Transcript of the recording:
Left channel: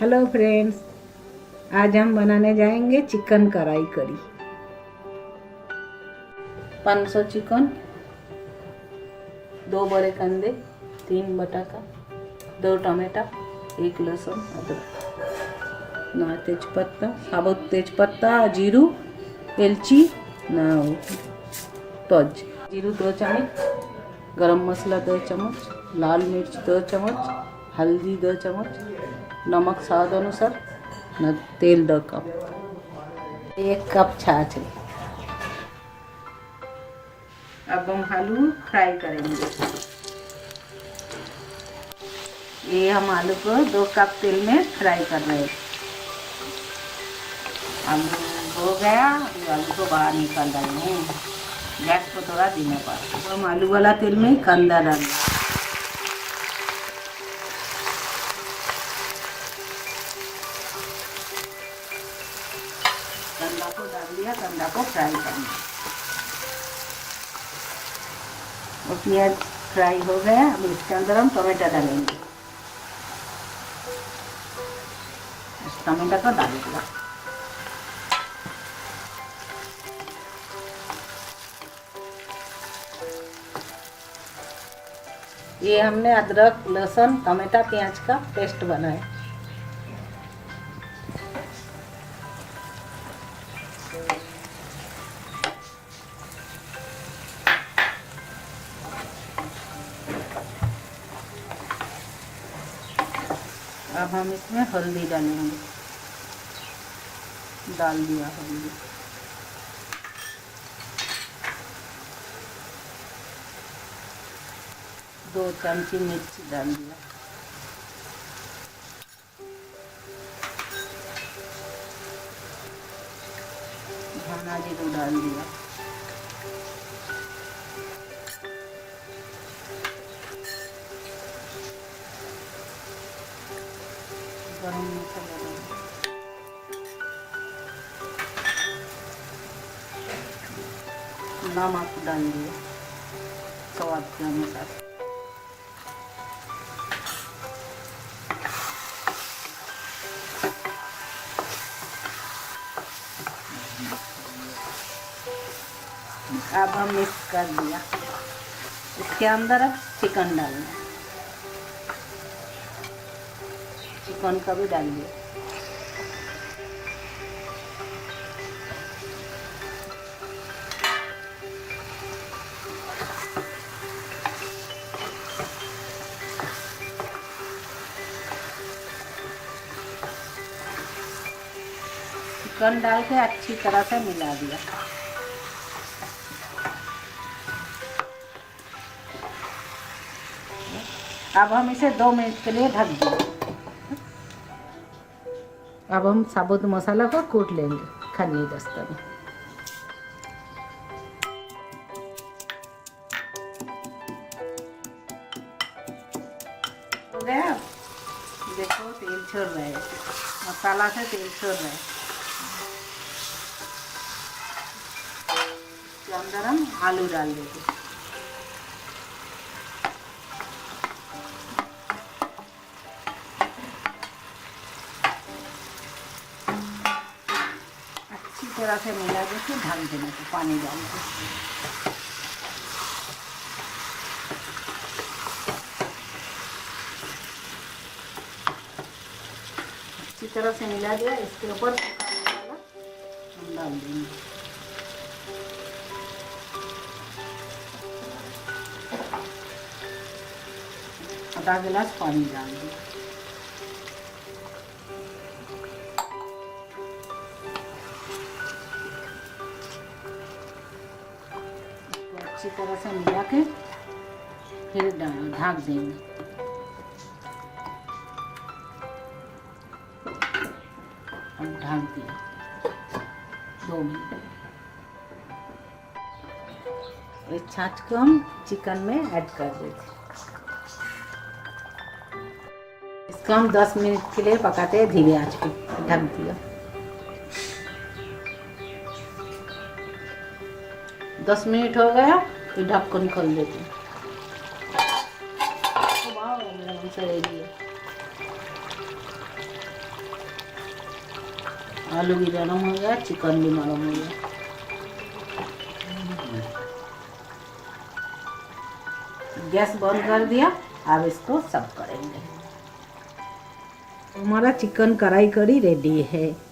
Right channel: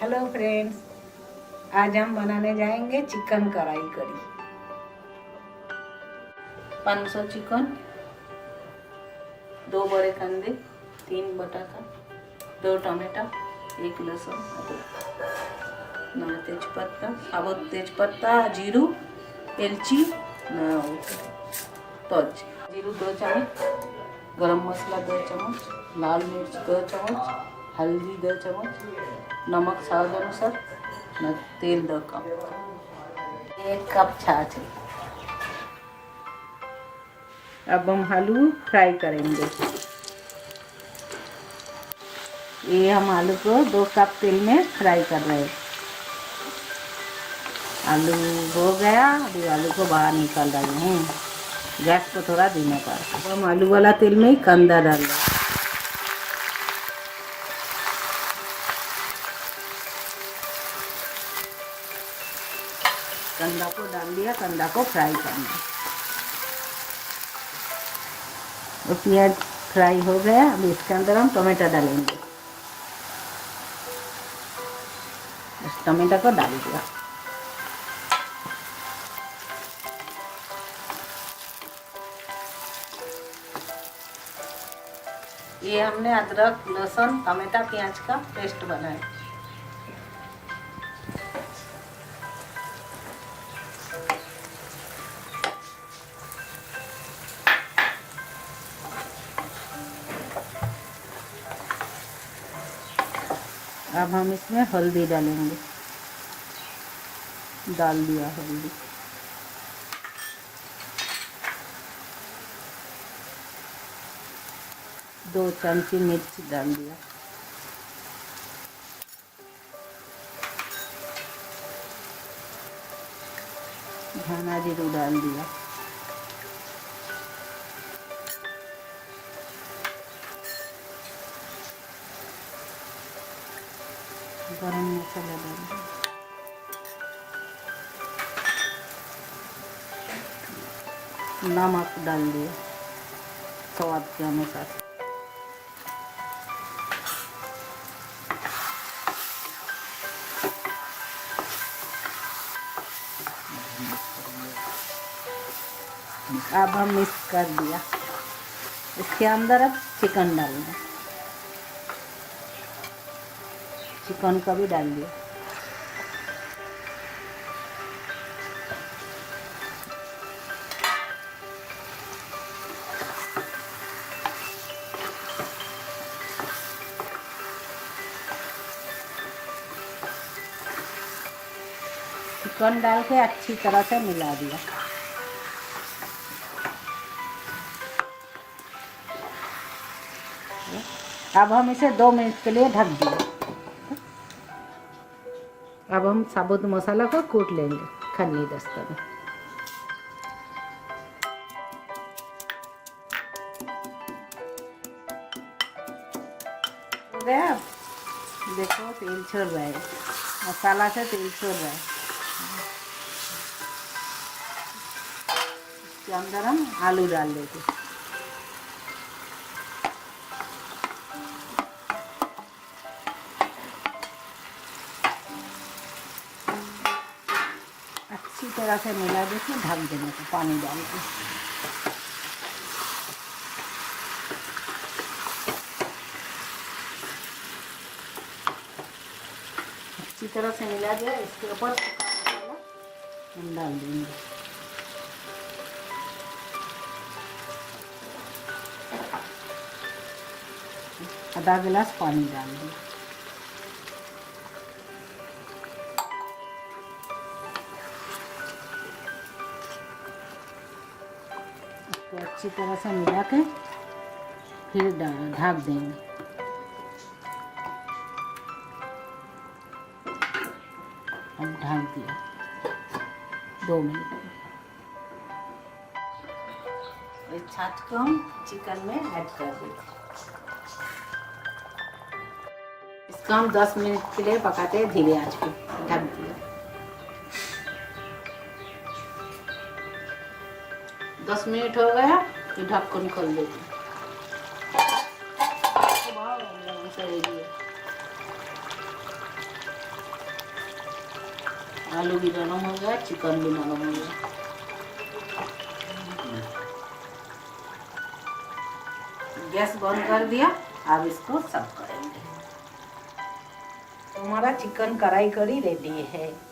Hello friends, आज हम बनाने जाएंगे चिकन कढ़ाई करी। 500 चिकन, 2 बड़े कंदे, 3 बटाटा, 2 टमाटा, 1 लहसुन, अदरक, ना तेजपत्ता, साबुत तेजपत्ता, जीरू, एलची, ना तज, जीरू 2 चम्मच, गरम मसाला 2 चम्मच, लाल मिर्च 2 चम्मच, हल्दी 2 चम्मच, नमक स्वाद अनुसार, ना तेल 2 कप, 1 कप छाछ है। अब हम आलू फ्राई करेंगे। ये हम आलू को 2 कप तेल में फ्राई कर रहे हैं। आलू हो गया, अभी आलू को बाहर निकाल डालना है। गैस को थोड़ा धीमा कर। अब हम आलू वाला तेल में ही कंदा डाल रहे हैं। कंदा को डाल दिया, कंदा को फ्राई करना। वो प्याज फ्राई हो गया, अब इसके अंदर हम टमाटर डालेंगे। इस टमाटर को डाल दिया। ये हमने अदरक, लहसुन, टमाटर, प्याज का पेस्ट बनाया। अब हम इसमें हल्दी डालेंगे। डाल दिया हल्दी। दो चमची मिर्च डाल दिया। धना जीरू डाल दिया। गरम मसाला डाल दिया। नमक डाल दिया स्वाद के अनुसार। अब हम मिक्स कर दिया। इसके अंदर अब चिकन डालना। चिकन का भी डाल दिया। चिकन डाल के अच्छी तरह से मिला दिया। अब हम इसे 2 मिनट के लिए ढक दिए। अब हम साबुत मसाला को कूट लेंगे खन्नी दस्ता में। हो गया, देखो तेल छोड़ रहा है, मसाला से तेल छोड़ रहा है। इसके अंदर हम आलू डाल देंगे। अच्छी तरह से मिला देके ढक देने को पानी डाल के। अच्छी तरह से मिला दिया। इसके ऊपर हम डाल देंगे। आधा गिलास पानी डाल देंगे। अच्छी तरह से मिला के फिर ढक देंगे। अब ढक दिया 2 मिनट। इस छाछ को हम चिकन में ऐड कर देंगे। इसको हम 10 मिनट के लिए पकाते हैं धीरे आंच पे। ढक दिया। 10 मिनट हो गया तो ढक्कन खोल देते। आलू भी नरम हो गया, चिकन भी नरम हो गया। गैस बंद कर दिया। अब इसको सर्व करेंगे। हमारा चिकन कढ़ाई करी रेडी है।